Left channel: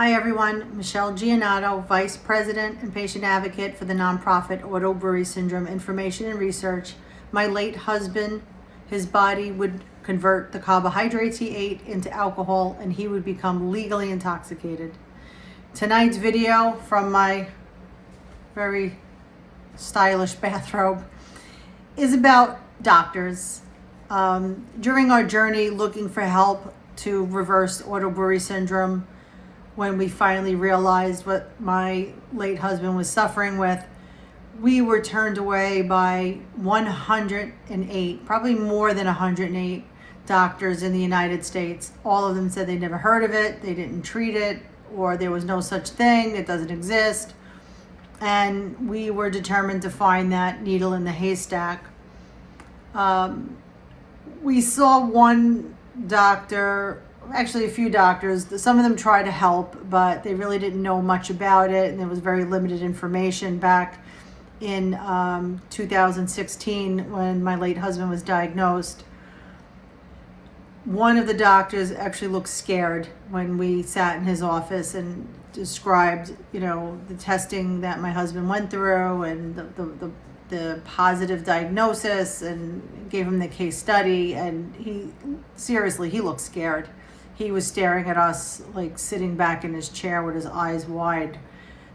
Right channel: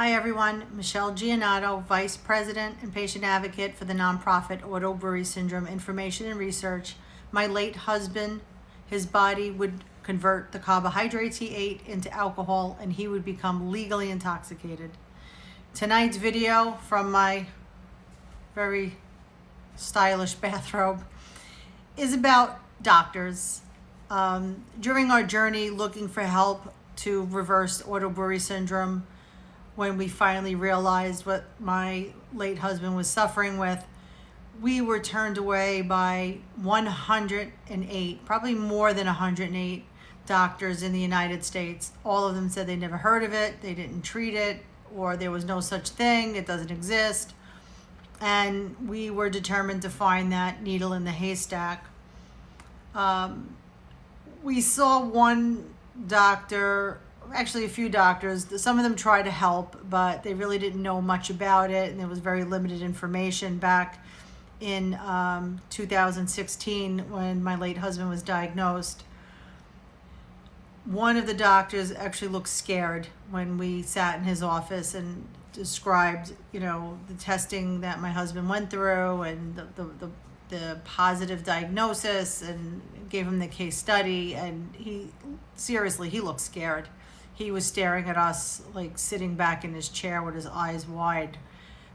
Hi everyone, Michelle Giannato, Vice President and Patient Advocate for the nonprofit auto-brewery syndrome information and research. My late husband, his body would convert the carbohydrates he ate into alcohol and he would become legally intoxicated. Tonight's video from my very stylish bathrobe is about doctors. During our journey looking for help to reverse auto-brewery syndrome, when we finally realized what my late husband was suffering with, we were turned away by 108, probably more than 108 doctors in the United States. All of them said they never heard of it, they didn't treat it, or there was no such thing, it doesn't exist. And we were determined to find that needle in the haystack. We saw one doctor, actually a few doctors. Some of them tried to help, but they really didn't know much about it, and there was very limited information back in 2016 when my late husband was diagnosed. One of the doctors actually looked scared when we sat in his office and described, the testing that my husband went through and the positive diagnosis, and gave him the case study, and he looked scared. He was staring at us, like sitting back in his chair with his eyes wide,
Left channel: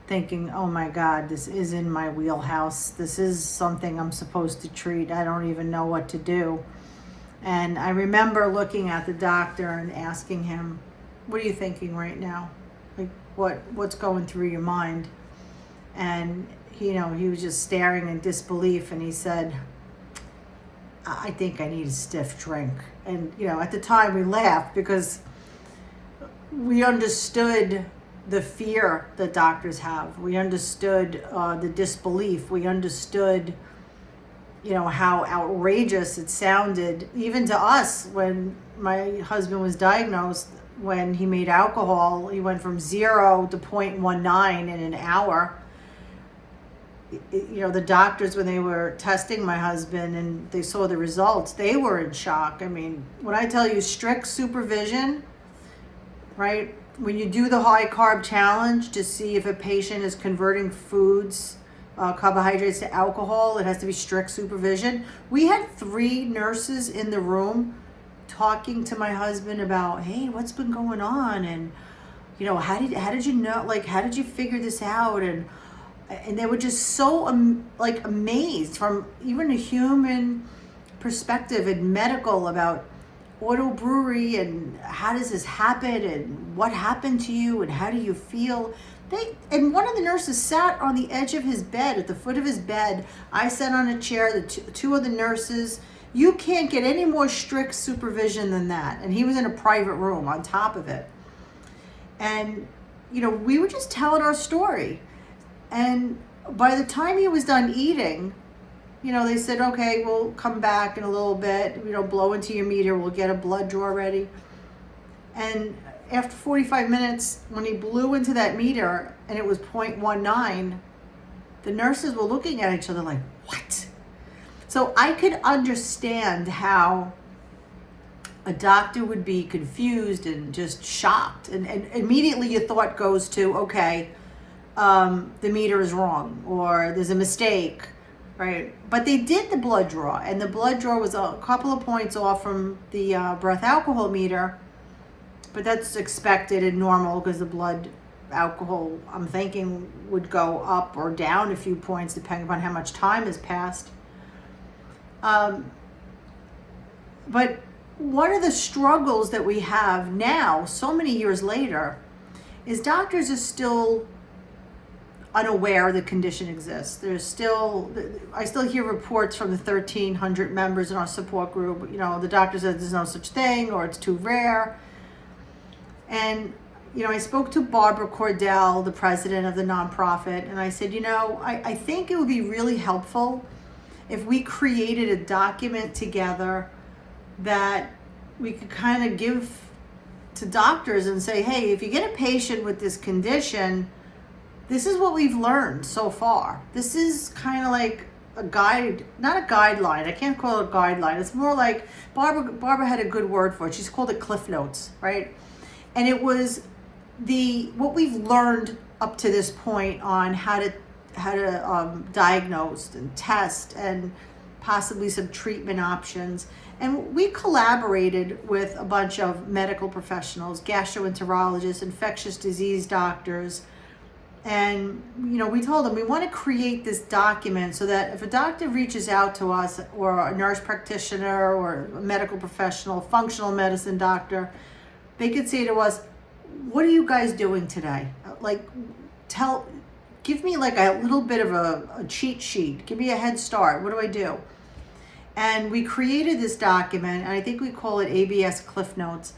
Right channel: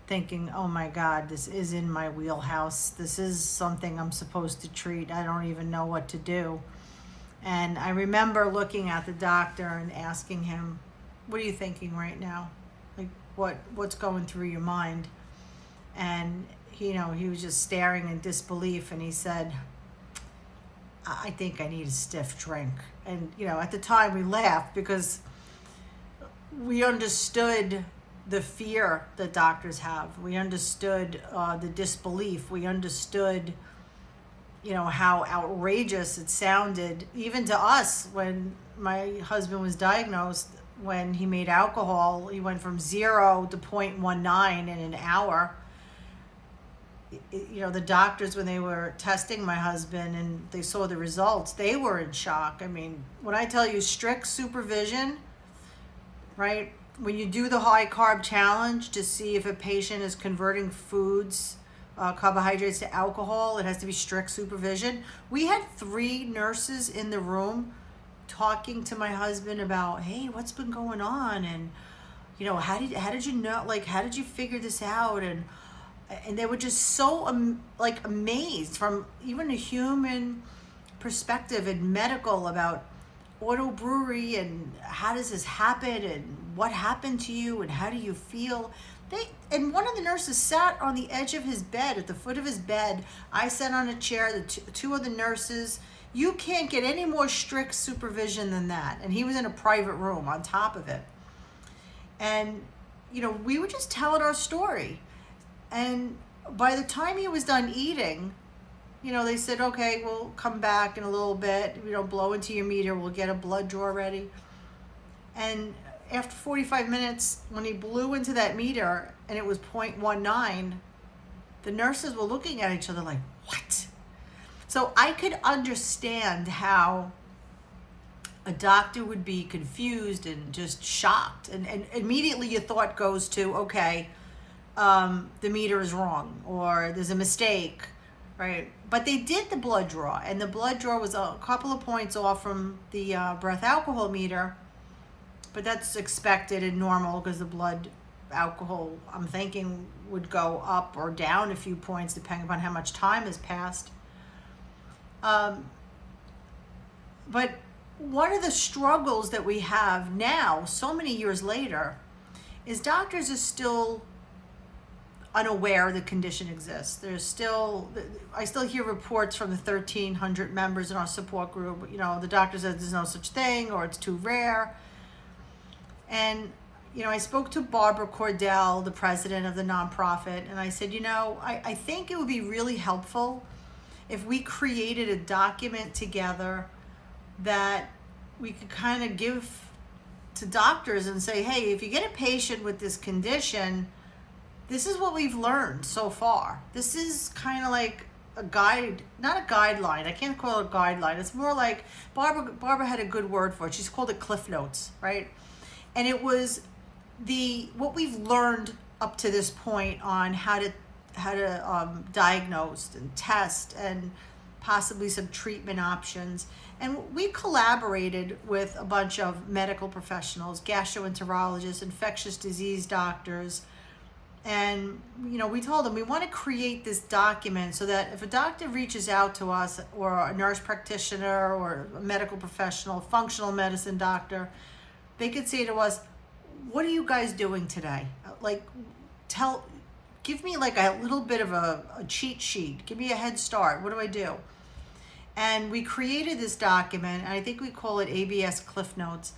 thinking, oh my God, this is in my wheelhouse. This is something I'm supposed to treat. I don't even know what to do. And I remember looking at the doctor and asking him, what are you thinking right now? Like, what's going through your mind? And he was just staring in disbelief, and he said, I think I need a stiff drink. And, at the time we laughed because we understood the fear that doctors have. We understood the disbelief. We understood, how outrageous it sounded, even to us, when my husband was diagnosed. When he made alcohol, he went from 0 to 0.19 in an hour. The doctors, when they were testing my husband and they saw the results, they were in shock. I mean, when I tell you strict supervision, right? When you do the high carb challenge to see if a patient is converting foods, carbohydrates to alcohol, it has to be strict supervision. We had 3 nurses in the room talking to my husband about, hey, what's been going on? And, how did you know, how did you figure this out? And they were just so amazed from even a human perspective and medical about auto-brewery and how does this happen and what happened to you and how do you feel. And one of the nurses sat on the edge of his bed, at the foot of his bed. I sat on a chair, the two of the nurses. You can't get any more strict supervision than that. And he was in a private room on top of it. And, we were just telling our story. And by the time he was done eating, they said, okay, we'll come back in a little bit, blow into your meter, we'll get a blood draw ready. And after 45 minutes, when he blew into that meter and it was 0.19, the nurses were looking at each other like, what? So I could understand how a doctor would be confused and just shocked. And immediately your thought goes to, okay, the meter is wrong or there's a mistake, right? But they did the blood draw, and the blood draw was a couple of points off from the breath alcohol meter, but that's expected and normal because the blood alcohol, I'm thinking, would go up or down a few points depending upon how much time has passed. But one of the struggles that we have now, so many years later, is doctors are still unaware the condition exists. I still hear reports from the 1,300 members in our support group. The doctor said there's no such thing or it's too rare. And, I spoke to Barbara Cordell, the president of the nonprofit, and I said, I think it would be really helpful if we created a document together that we could kind of give to doctors and say, hey, if you get a patient with this condition, this is what we've learned so far. This is kind of like a guide, not a guideline. I can't call it a guideline. It's more like Barbara had a good word for it. She's called it Cliff Notes, right? And it was what we've learned up to this point on how to diagnose and test and possibly some treatment options. And we collaborated with a bunch of medical professionals, gastroenterologists, infectious disease doctors. And, we told them we want to create this document so that if a doctor reaches out to us, or a nurse practitioner, or a medical professional, functional medicine doctor, they could say to us, what are you guys doing today? Like, give me like a little bit of a cheat sheet. Give me a head start. What do I do? And we created this document, and I think we call it ABS Cliff Notes.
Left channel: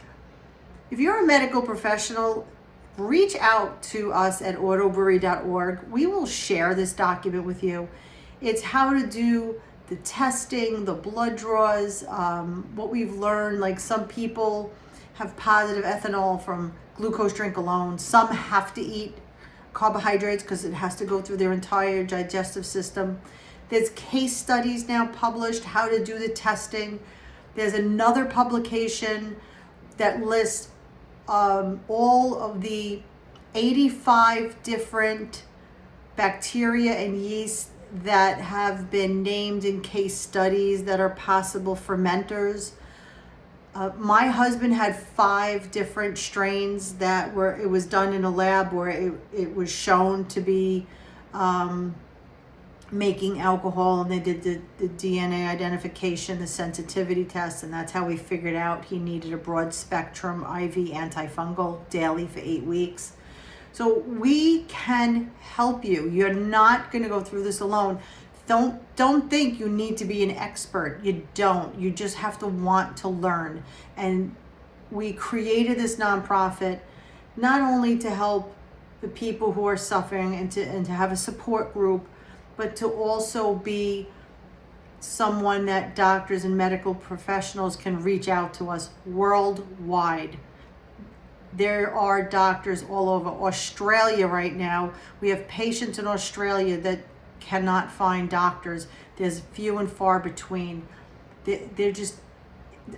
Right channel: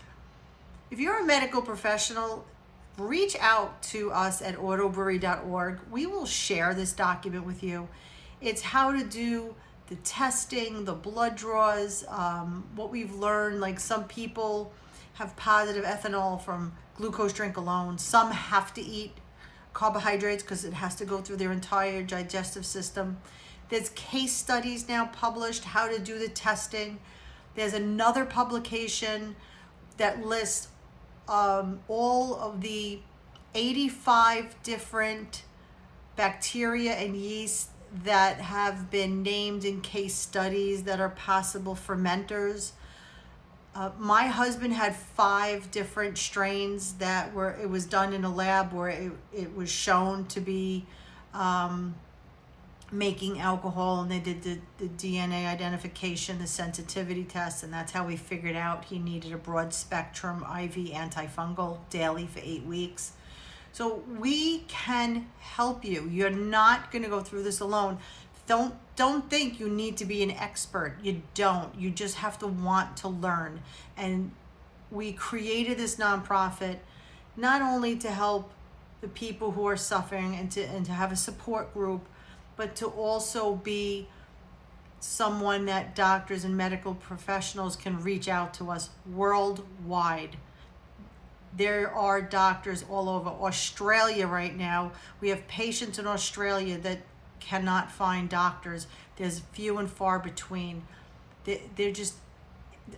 If you're a medical professional, reach out to us at auto-brewery.org. We will share this document with you. It's how to do the testing, the blood draws, what we've learned. Like, some people have positive ethanol from glucose drink alone. Some have to eat carbohydrates because it has to go through their entire digestive system. There's case studies now published how to do the testing. There's another publication that lists all of the 85 different bacteria and yeast that have been named in case studies that are possible fermenters. My husband had 5 different strains it was done in a lab where it was shown to be making alcohol, and they did the DNA identification, the sensitivity test, and that's how we figured out he needed a broad spectrum IV antifungal daily for 8 weeks. So we can help you. You're not going to go through this alone. Don't think you need to be an expert. You don't. You just have to want to learn. And we created this nonprofit not only to help the people who are suffering and to have a support group, but to also be someone that doctors and medical professionals can reach out to us worldwide. There are doctors all over Australia right now. We have patients in Australia that cannot find doctors. There's few and far between. They're just,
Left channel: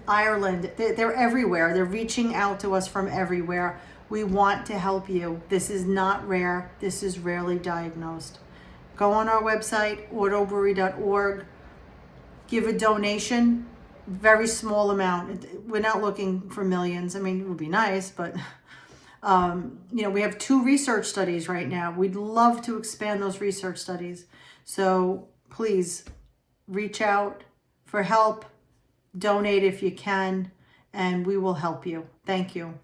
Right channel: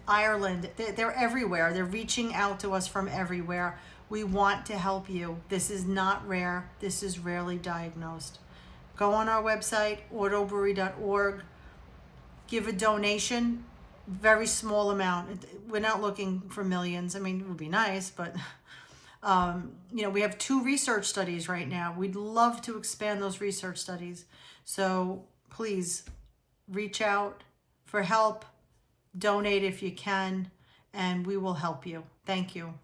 Ireland, they're everywhere. They're reaching out to us from everywhere. We want to help you. This is not rare. This is rarely diagnosed. Go on our website, autobrewery.org. Give a donation, very small amount. We're not looking for millions. I mean, it would be nice, but we have 2 research studies right now. We'd love to expand those research studies. So please reach out for help, donate if you can, and we will help you. Thank you.